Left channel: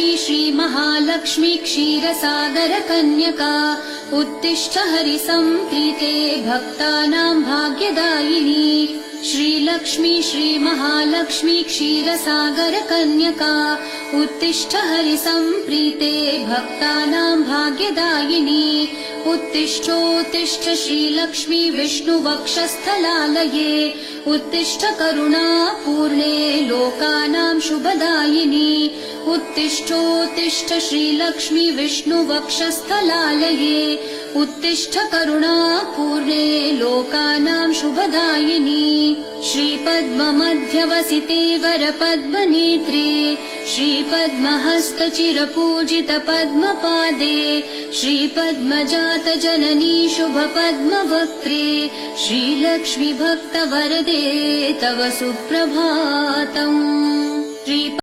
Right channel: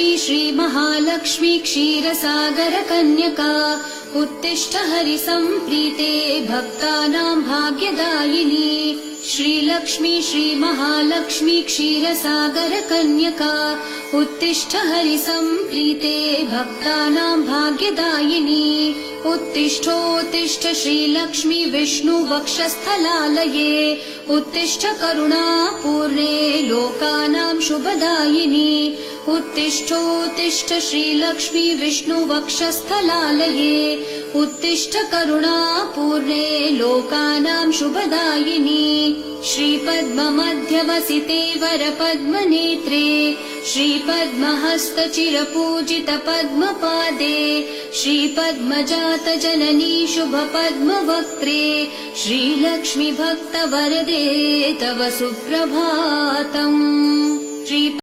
श्रीलक्ष्मी श्रीमहालक्ष्मी क्षीरसागरकन्यका उत्तिष्ठ हरिसम्प्रीते भक्तानां भाग्यदायिनी। श्रीलक्ष्मी श्रीमहालक्ष्मी क्षीरसागरकन्यका उत्तिष्ठ हरिसम्प्रीते भक्तानां भाग्यदायिनी। उत्तिष्ठोत्तिष्ठ श्रीलक्ष्मी विष्णुवक्षस्थलालये उत्तिष्ठ करुणापूर्णे लोकानां शुभदायिनी। उत्तिष्ठोत्तिष्ठ श्रीलक्ष्मी विष्णुवक्षस्थलालये उत्तिष्ठ करुणापूर्णे लोकानां शुभदायिनी। श्रीपद्ममध्यवसिते वरपद्मनेत्रे श्रीपद्महस्तचिरपूजित पद्मपादे श्रीपद्मजातजननी शुभपद्मवक्त्रे श्रीलक्ष्मी भक्तवरदे तव सुप्रभातम्।